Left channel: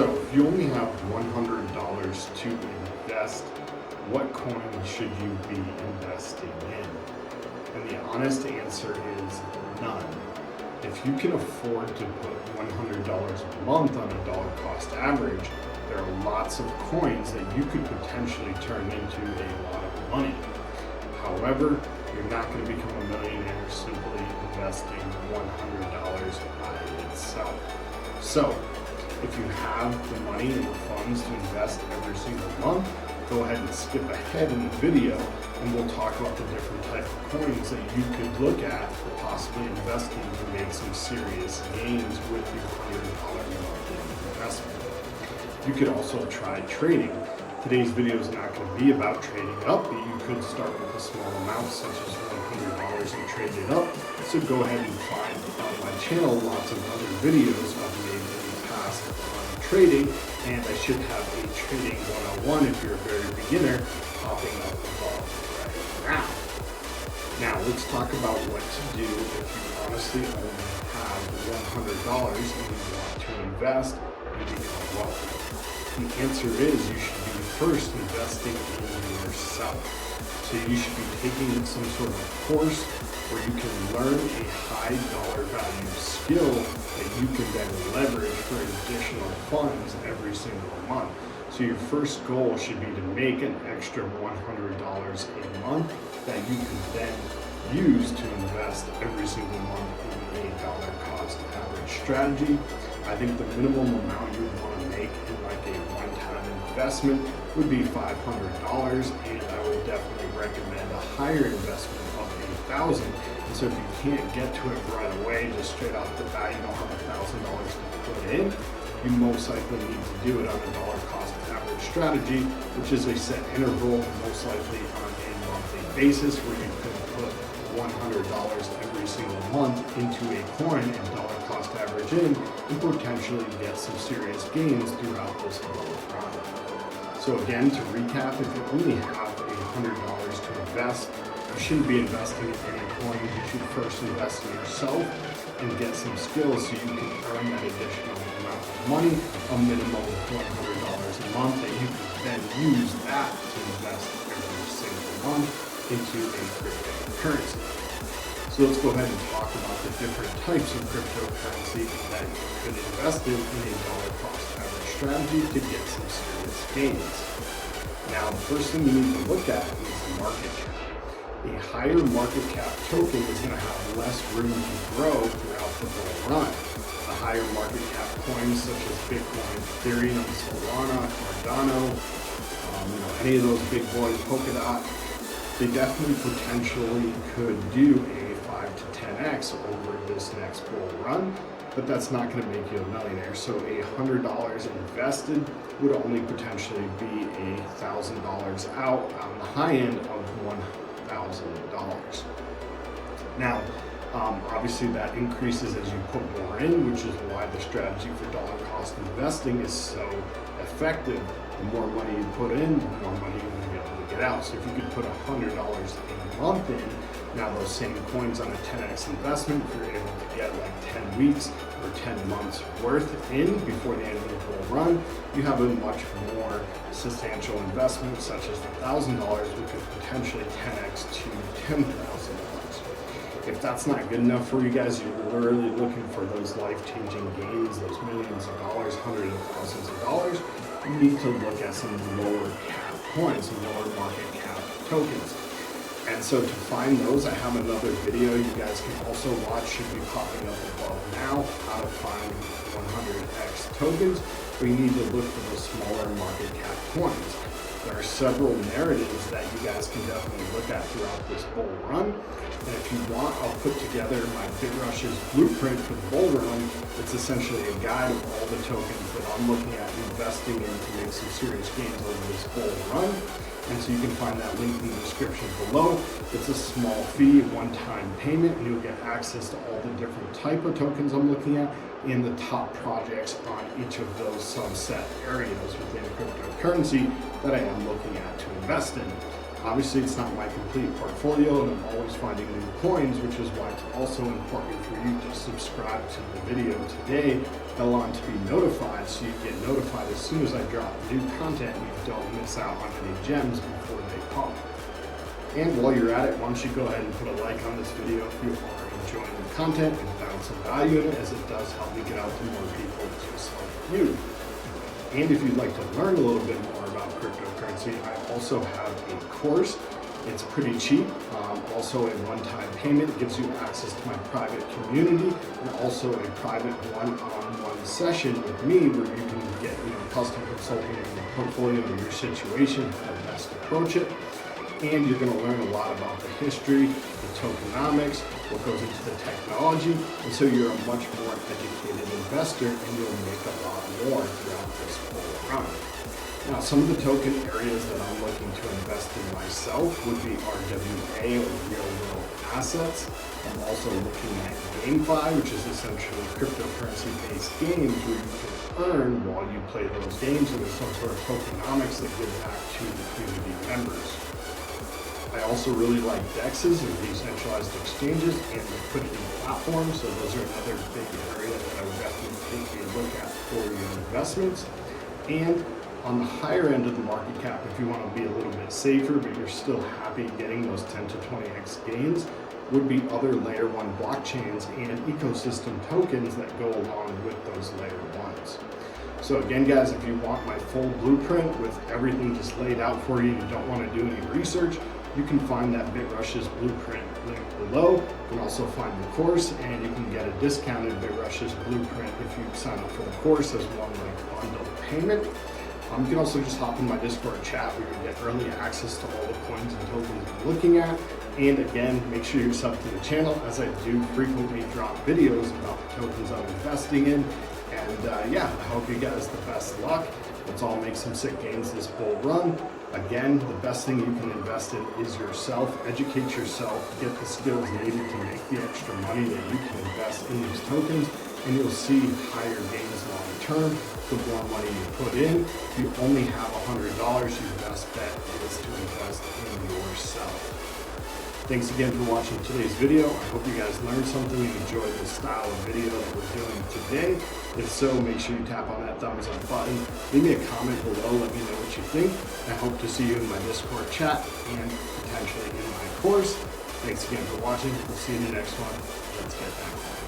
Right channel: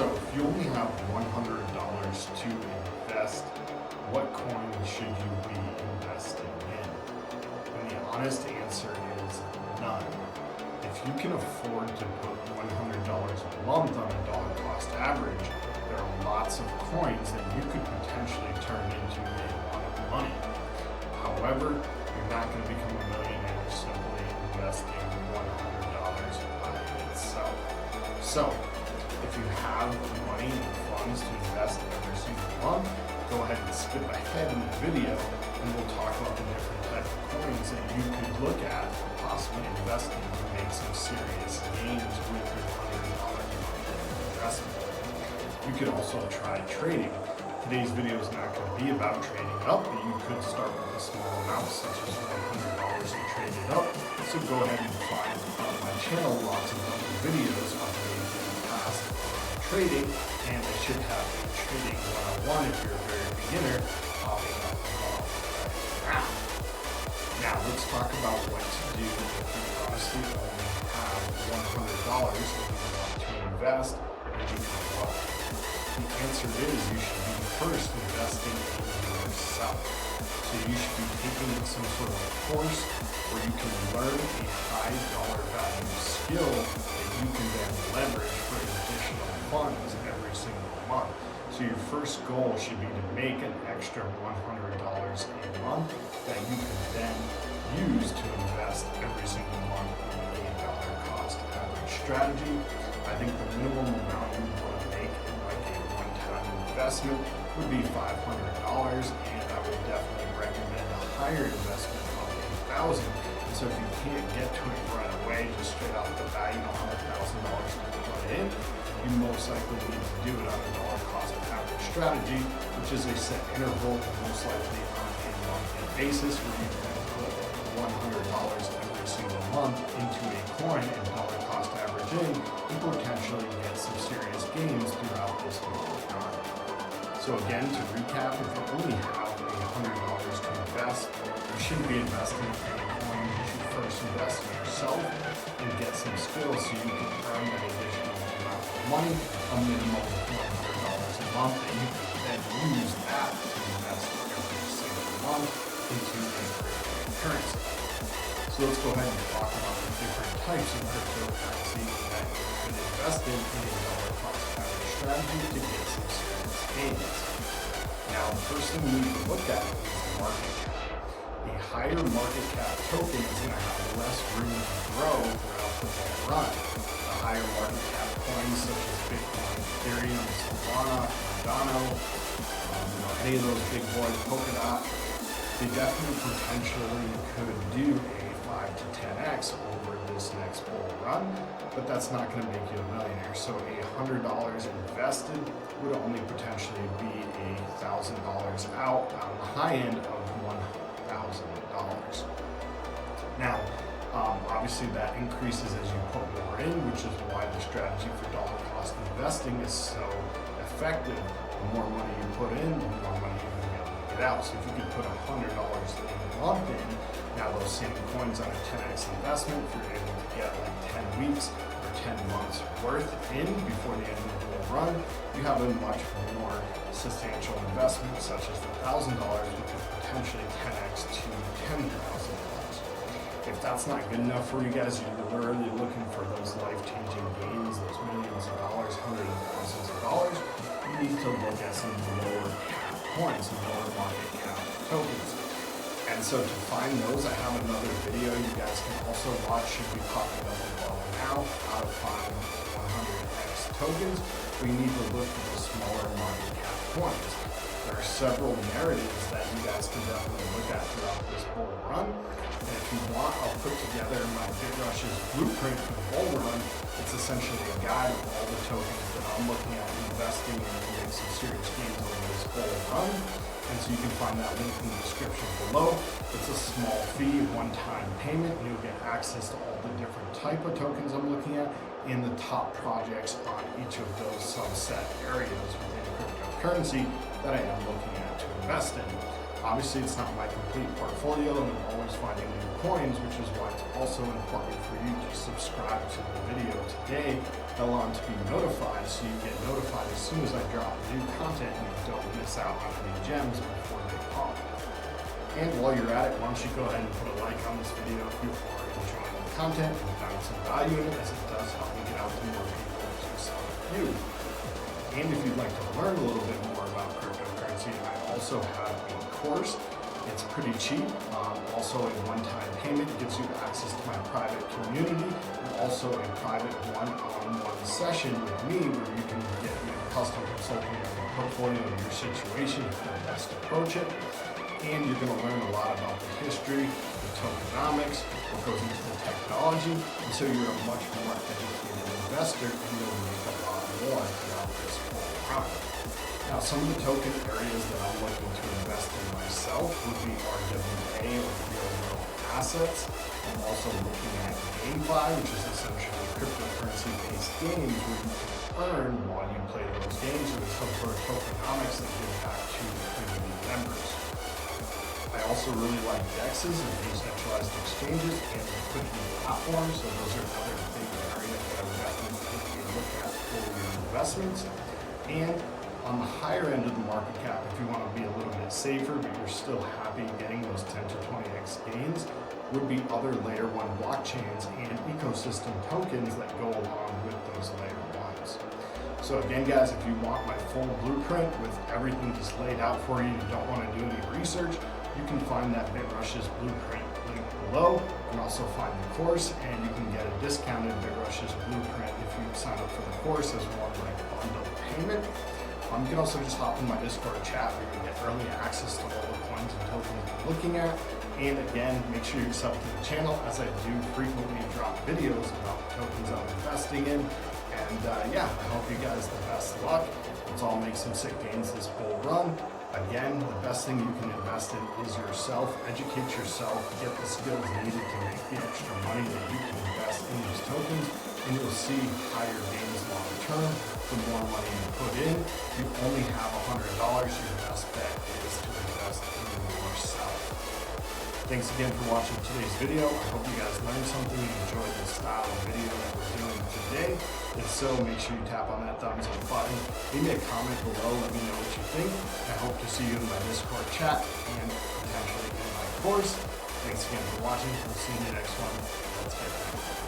So if you only have $100 to invest, what coin should you be investing in? And the honest answer is none. If you can afford to put $100 a month on a dollar cost average, there are lots of coins that you could potentially turn into a lot of money. However, you're not going to become a millionaire simply investing $100 by itself. So, if you have the money and the funds to invest every single month, go ahead and skip ahead in the video and we'll talk about the different type of coins that you could look at for possibly investing to make some serious gains with your $100 monthly investment. You could also try trading. Today's video is not going to be about trading up, but you could start with a small amount such as $100 and trade it up. So go ahead and find on my channel lots of other videos I've made in the past on trading, and I should have a trading 101 if you're a very beginner popping up above right now. Now let's talk about what to do if you honestly only have $100 and you want to invest and become wealthy. The answer is you should be first investing in yourself. So you should be taking some sort of course where you can learn a high dollar value skill that you can then leverage for additional funds every single month. So your first goal should be to make an extra $100 a month that you can then use to invest every single month in a dollar cost average strategy. I think the minimum amount you would want to make in like a one-time investment would be $500, and I would definitely recommend a higher investment of $1,000. And so if you can't get to it right away, just straight off the bat, you don't have $1,000 to put in, you most likely need to do it on a dollar cost average strategy, which is a set interval, most likely on a monthly basis, where you can put $100 every single month into a coin and dollar cost average in, and potentially get some serious gains throughout this long run. So again, to recap, if you only have $100 to invest, you shouldn't be investing in any coin. You should first invest in yourself and get some skills so you can earn that additional amount of money, a minimum of $100 a month, that you can then use that to invest every single month into a cryptocurrency. So let's go ahead and talk about the different types of cryptocurrency that you could invest in a dollar cost average strategy to get some serious gains. Now, the first thing you need to look at is market cap. A higher market cap token is going to have less room to grow throughout the bull run. A higher market cap coins such as Bitcoin, Ethereum, Solana, Cardano, any of those big boys, Polkadot, they definitely potentially could do a 5 to 10x over this next bull run, but that's not going to make you a millionaire. So $100 invested would only potentially be $1,000 out on the high end of $1,000. Now, obviously that increases as you put more in, which is why the strategy for dollar cost investing is so effective. The more money you put in, the more money you're going to be able to get out. So if you could put $100 a month in, now those same coins on a 10x investment, if you're able to get like 10 weeks or 10 months worth in before the end of the bull run, you have a much more substantial investment, such as $1,000, which could potentially 10x to $10,000. If that's not good enough for you guys, you're literally looking for those life-changing gains, those millions of dollars, hundreds of thousands of dollars, you need to look at some lower cap coins, some lower market cap tokens. And so to find those, I have another video you guys can also watch, should be popping up above now, how to find 100x tokens, but you need to look for those smaller market cap coins. There are several narratives that you guys can definitely look at throughout this bull run. And if you want, I'll put together my bitrush's blueprint for the bull run. It's essentially a guide of all the tokens that I'm looking at investing in to make some serious gains over this bull run. And so you can find that link in the description below. It's a small fee, one-time payment, and you'll get access to all the different type of tokens I'm looking at and the top projects on each of those subset areas within cryptocurrency that I am looking at to invest in. Obviously, it's not my complete portfolio, and I'm always finding new coins, which is why it's also important for you to subscribe to the video today, along to be notified so you get notified as soon as I drop new content and you don't miss out on any gems before they pop. And while you're at it, why don't you go ahead and put a like on this video if you are enjoying the content and found some value in it, as it does help me get out to more people just like you. And if you'd like to learn a little bit more about cryptocurrency, I also have a course. It's pretty cheap. Also a one-time payment gives you access to my private community, and also a private one-on-one session with me where you can get custom consulting on your portfolio and your situation, how to best approach it. And you're going to learn a lot about the history, the tokenomics, what goes into the technology, and so you're a much more educated investor, and you'll make a lot more throughout this whole run. Now, some of the token areas that I'm looking to invest in myself would be RWA, or real world assets. I'm also looking at GameFi, which is essentially cryptocurrency-based games where you can earn while you play those games, and there's some sort of tokenomics that give back to the community members. I also really like DEXs, or decentralized exchanges, and liquidity platforms. So those are another big area that I would definitely take a look at for your investments. And on the higher end of the market cap, if you want to be a little bit safer, but you're still happy getting those 10 to 20x gains, would be other layer 1 blockchains and ecosystem tokens that go along with those layer 1s. So again, guys, if you want my full blueprint with everything just laid out for you, you don't want to do any research, you can find that bitrush's blueprint link below. You can also find the course, and you can get a discounted bitrush's blueprint if you sign up for the course as one bundle payment. You can also just hop in my Discord chat where you'll get early access to all the coins and tokens you're looking at. And again, make sure you sub to the channel, as I do frequently drop videos about the tokens I'm investing in. And yeah, I hope you guys the best luck. Let's all make some sick gains this bull run. Again, the best thing you can invest in is yourself. Educate yourself, get the skills needed to make the extra money that you can invest in these tokens, and you'll see higher gains long term the more money you put in. If you only have $100, your best bet is to invest in yourself. Thanks again for watching today's video. I hope you guys learned something and enjoyed the style of video that we're doing today. If so, make sure you tap on that thumbs up button. Leave me a comment below, let me know what you think. I hope to see you in my Discord chat and potentially in my course. Thanks again for watching. We'll see you in the next one. Let's get back.